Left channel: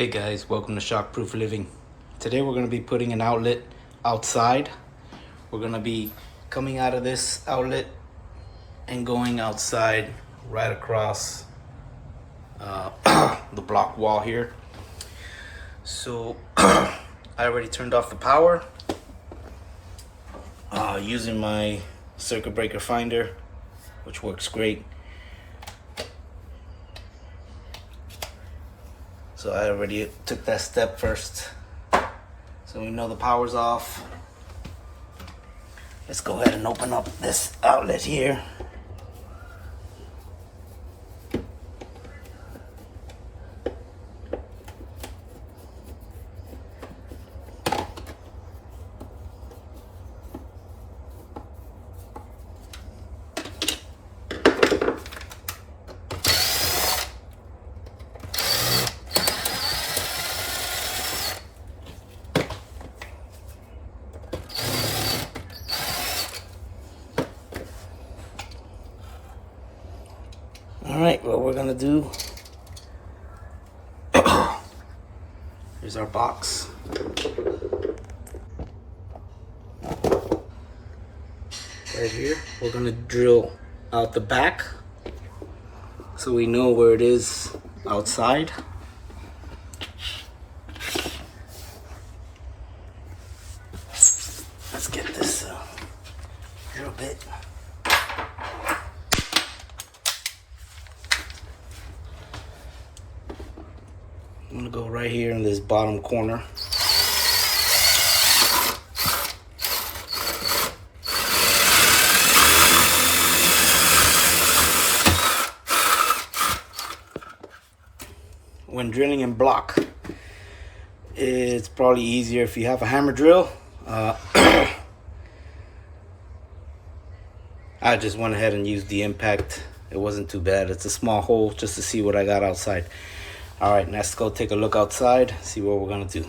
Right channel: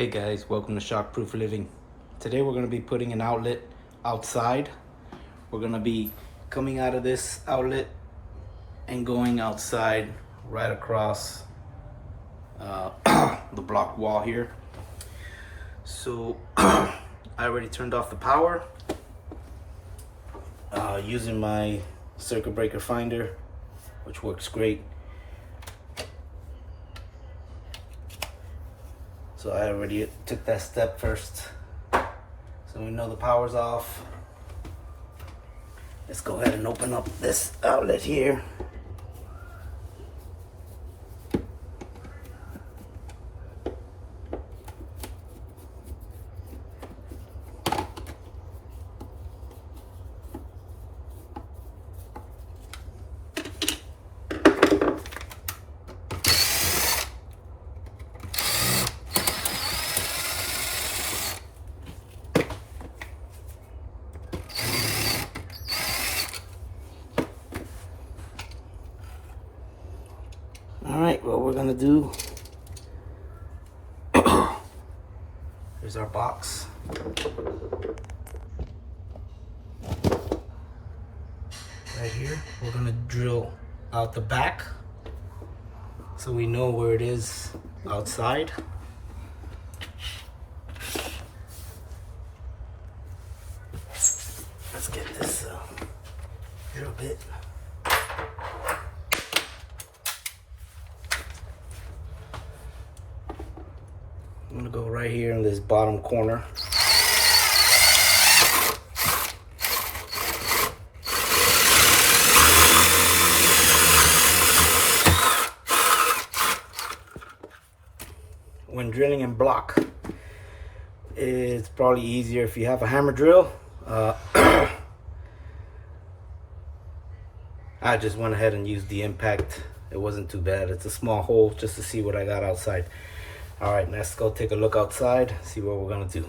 Hey guys, welcome to Shockproof Living. Today we're going to be putting an outlet outside. We're going to be coming out of this outlet and going outside right across the block wall here. So I already turned off the power using my circuit breaker finder, which works great. So I already took that step first. So we know the power's off. Let's go ahead and open up this outlet here. Alright, what we're gonna do, here's our box. Right here, we're gonna drill out the back so we know where it is outside. Let's get this drill bit. I'm gonna go right here in this bottom corner. When drilling in block, it's probably easier if you have a hammer drill. I just went ahead and used the impact. It wasn't too bad. It's a small hole just to see what I got outside. All right, let's go take a look outside, see what we're gonna do.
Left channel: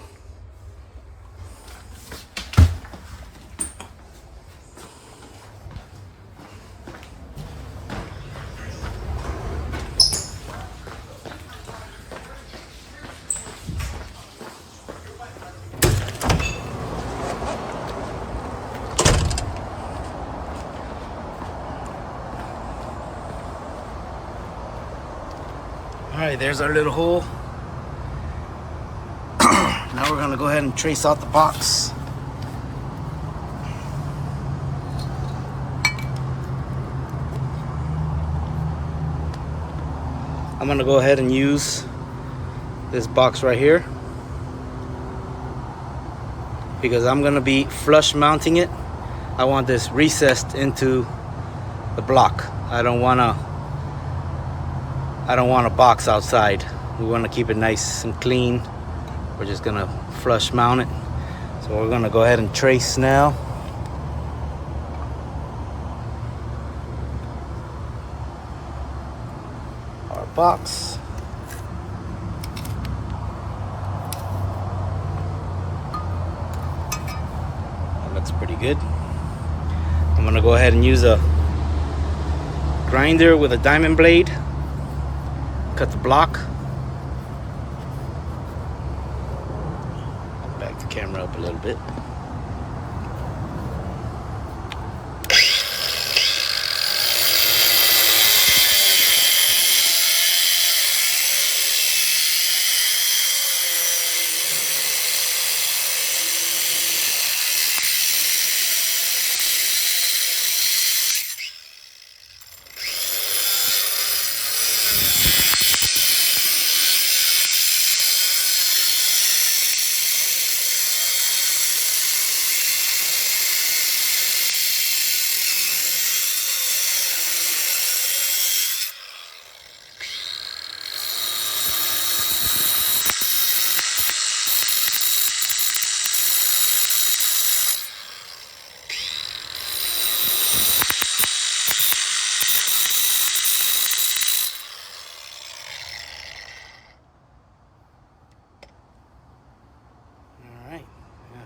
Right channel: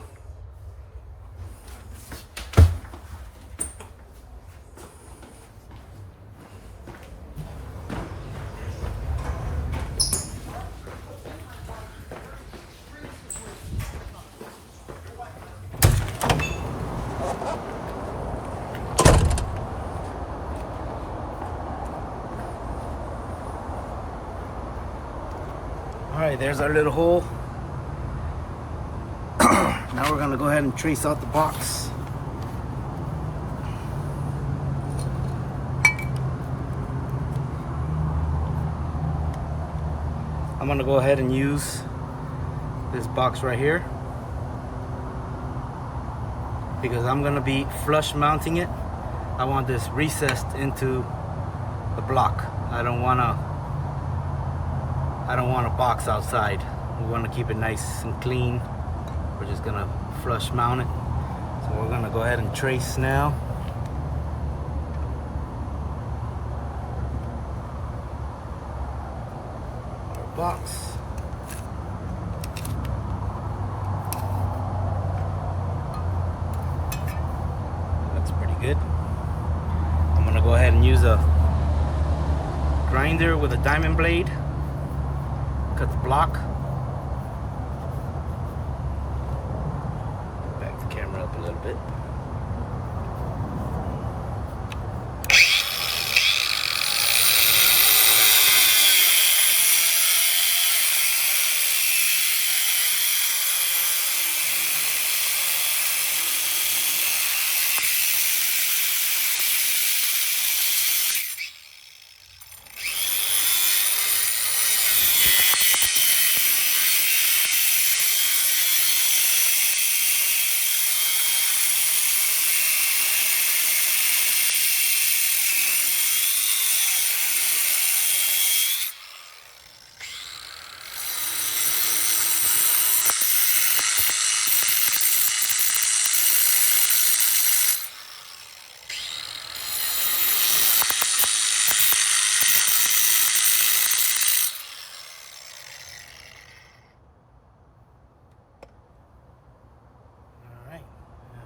All right, there's our little hole. Now we're gonna go ahead and trace out the box. I'm gonna go ahead and use this box right here because I'm gonna be flush mounting it. I want this recessed into the block. I don't want a box outside. We want to keep it nice and clean. We're just gonna flush mount it. So we're gonna go ahead and trace now. Our box. That looks pretty good. I'm gonna go ahead and use a grinder with a diamond blade. Cut the block. Back the camera up a little bit.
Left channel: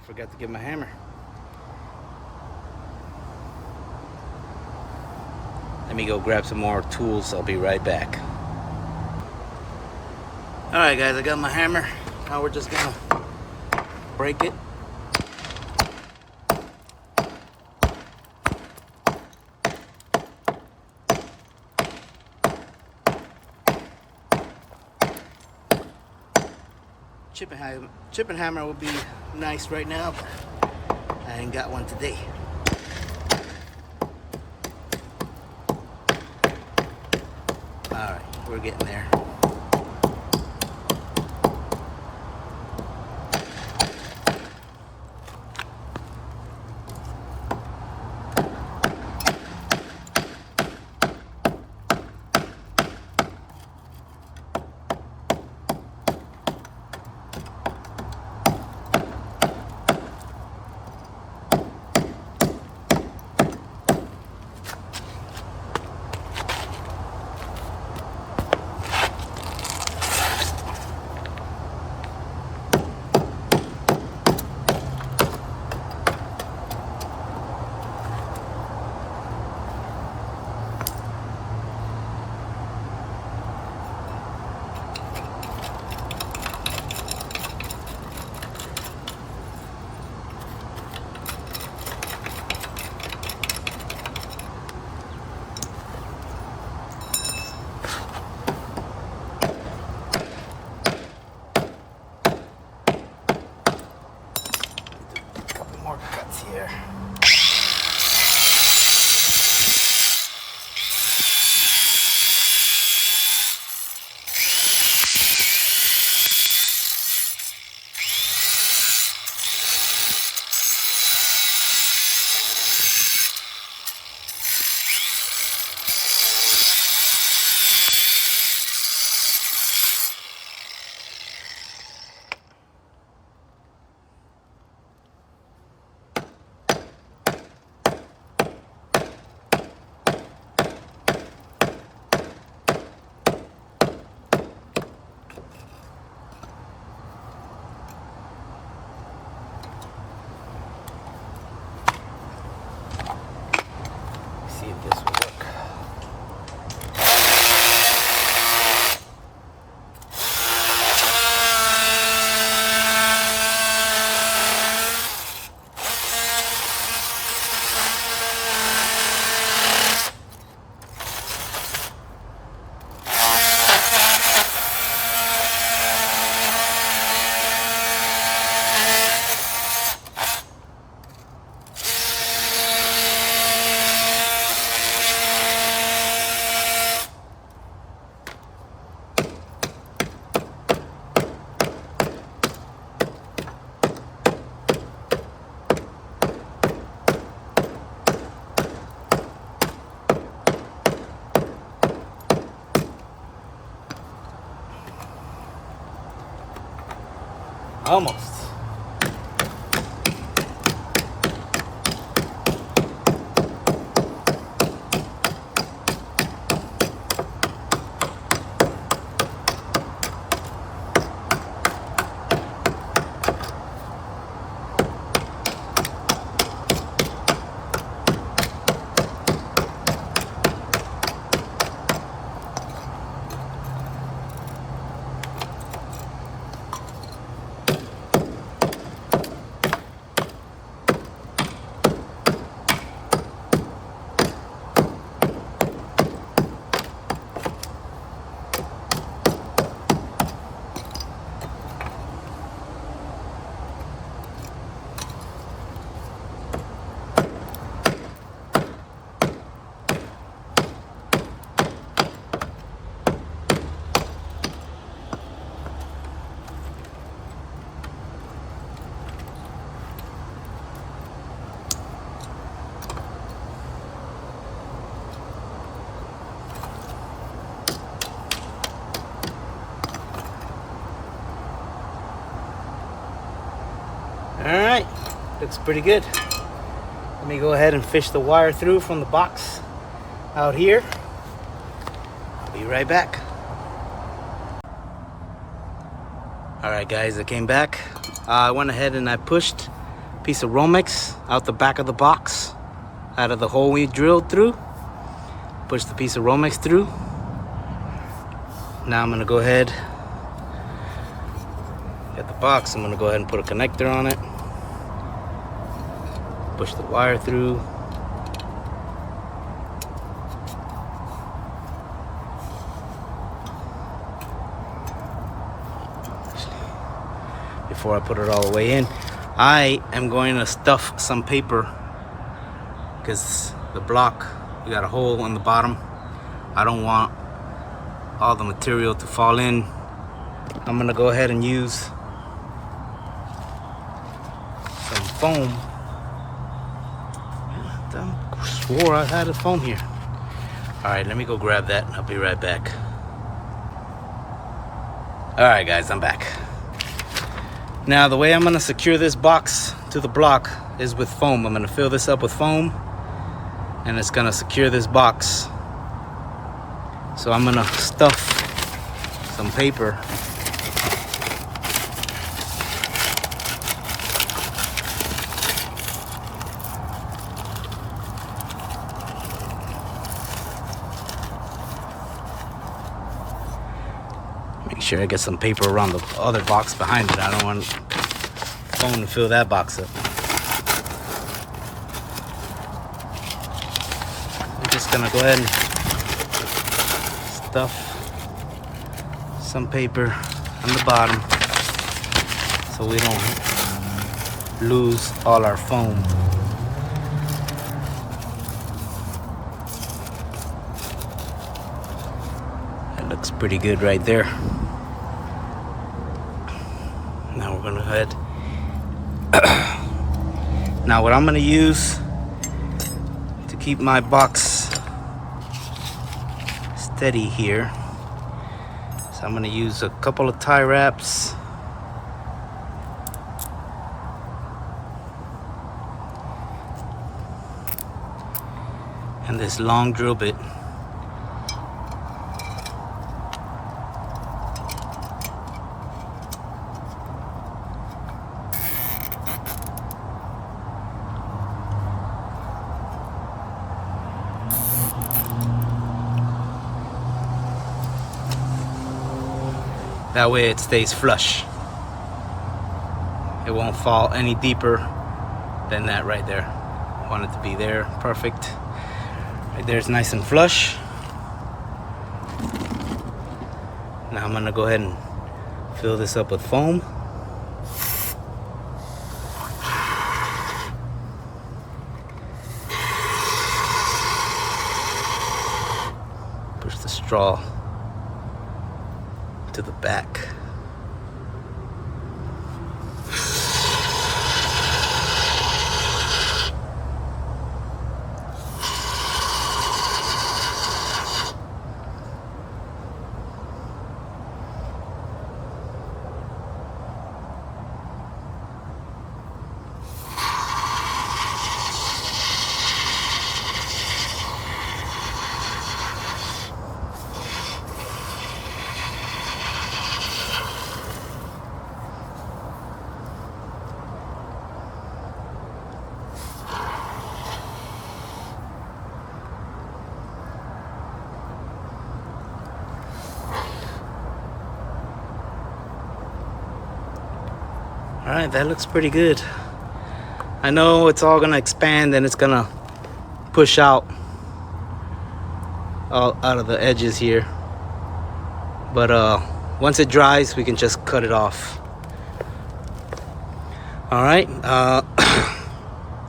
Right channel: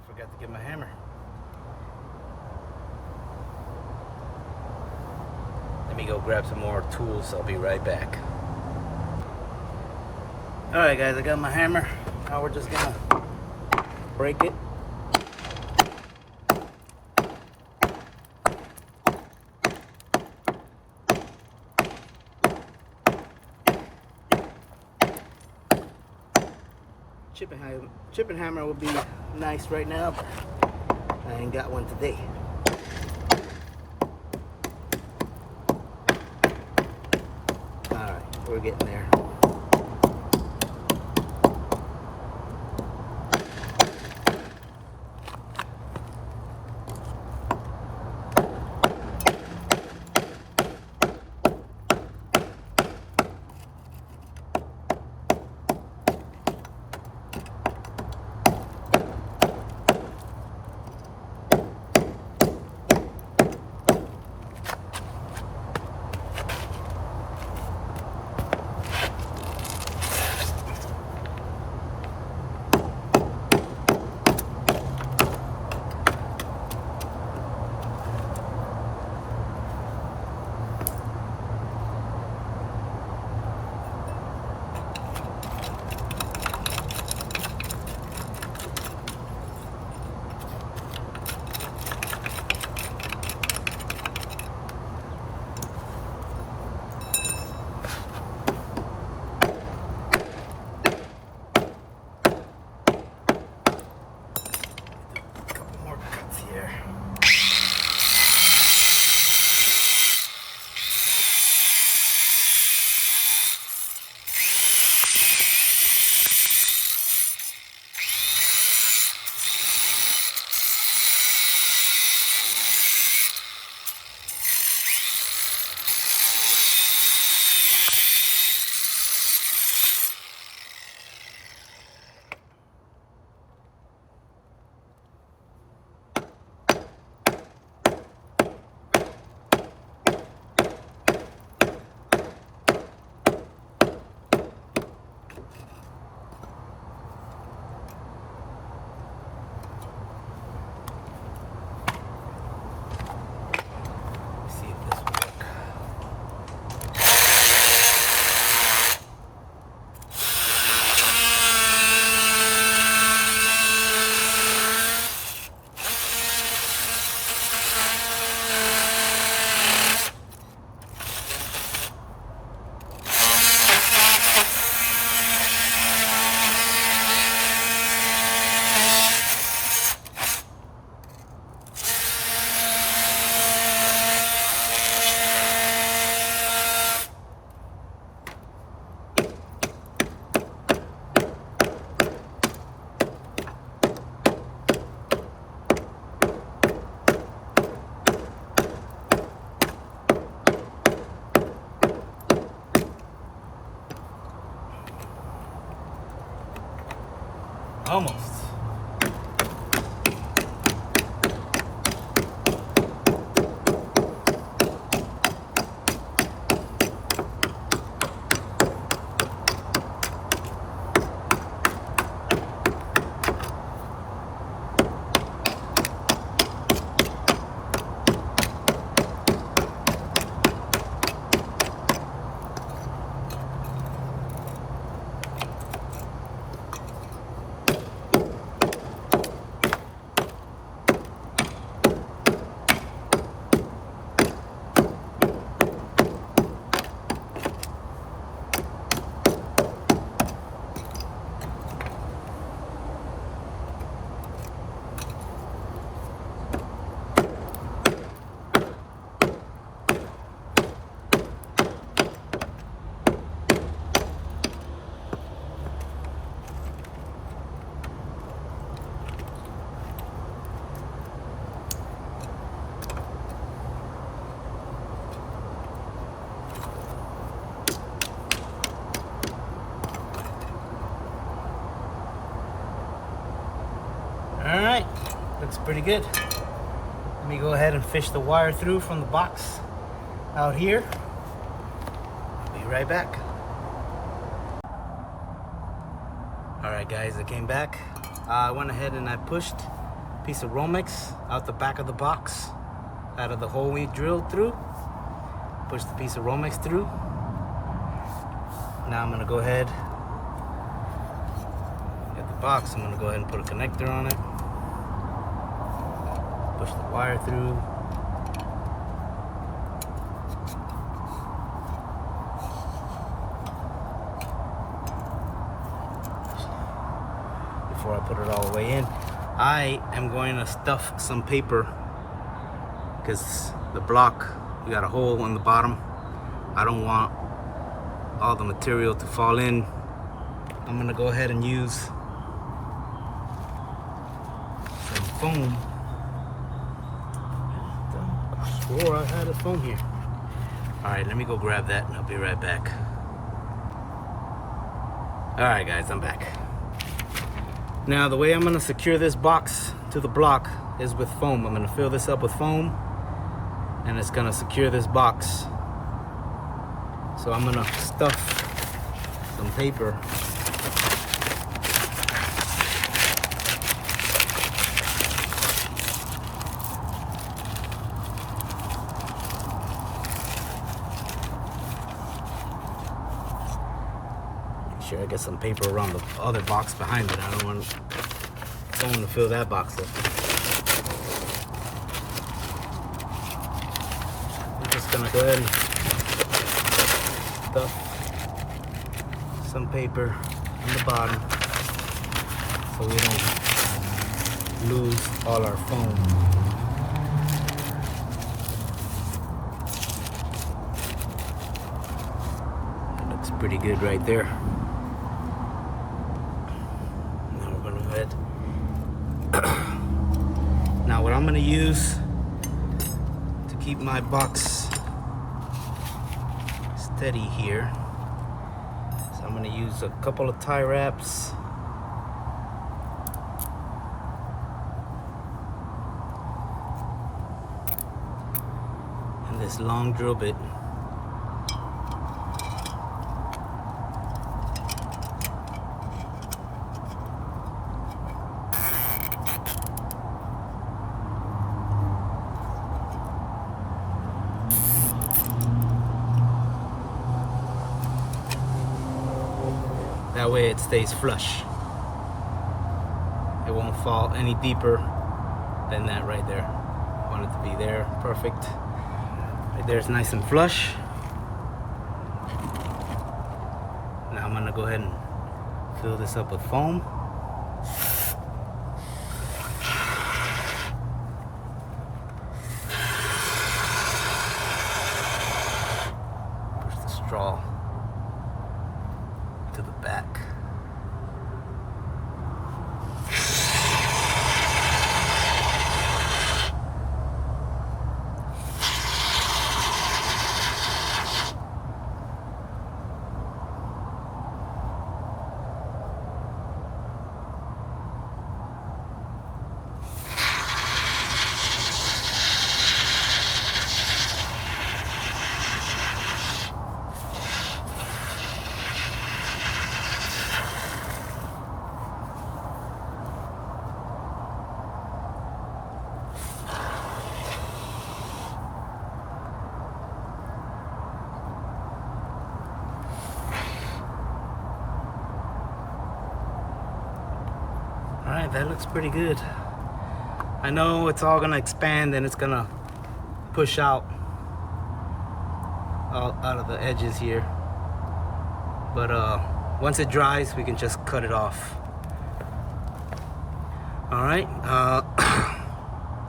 Forgot to get my hammer. Let me go grab some more tools. I'll be right back. Alright guys, I got my hammer. Now we're just gonna break it. Chip and hammer would be nice right now, but I ain't got one today. Alright, we're getting there. Here. Almost. Alright, looks pretty good. Let me go ahead and fish the wire through from the box out here. Be right back. Alright guys, I came back. I went ahead and I pushed a piece of Romex out the back of the box, out of the hole we drilled through. Pushed the piece of Romex through. Now I'm gonna go ahead, Got the box. I'm gonna go ahead and put a connector on it. Push the wire through. Before I put it all the way in, I am going to stuff some paper because the block, you got a hole on the bottom. I don't want all the material to fall in. I'm gonna go ahead and use some foam. I swore I had a foam here. All right, let me go grab that and I'll be right back. All right, guys, I'm back. Now, the way I'm gonna secure this box to the block is with foam. I'm gonna fill this up with foam and it's gonna secure this box. So I'm gonna stuff some paper. Make sure I get some paper around the other box behind it. I don't want foam to fill that box up. I'm just gonna go ahead and stuff some paper on the bottom so we don't lose all our foam. It looks pretty good right there. Now we're gonna head. Now what I'm gonna use to keep my box steady here, so I'm gonna use a couple of tie wraps. And this long drill bit. That way it stays flush. It won't fall any deeper than that right there. I want it to be there, perfect. Right there's nice and flush. Now I'm gonna go ahead and fill this up with foam. Push the straw to the back. All right, that looks pretty good. I know it's all gonna expand and it's gonna push out all out of the edges here. But once it dries, we can just cut it off. All right,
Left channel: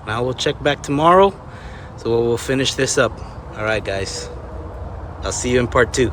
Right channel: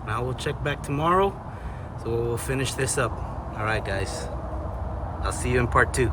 now we'll check back tomorrow. So we'll finish this up. All right, guys, I'll see you in part 2.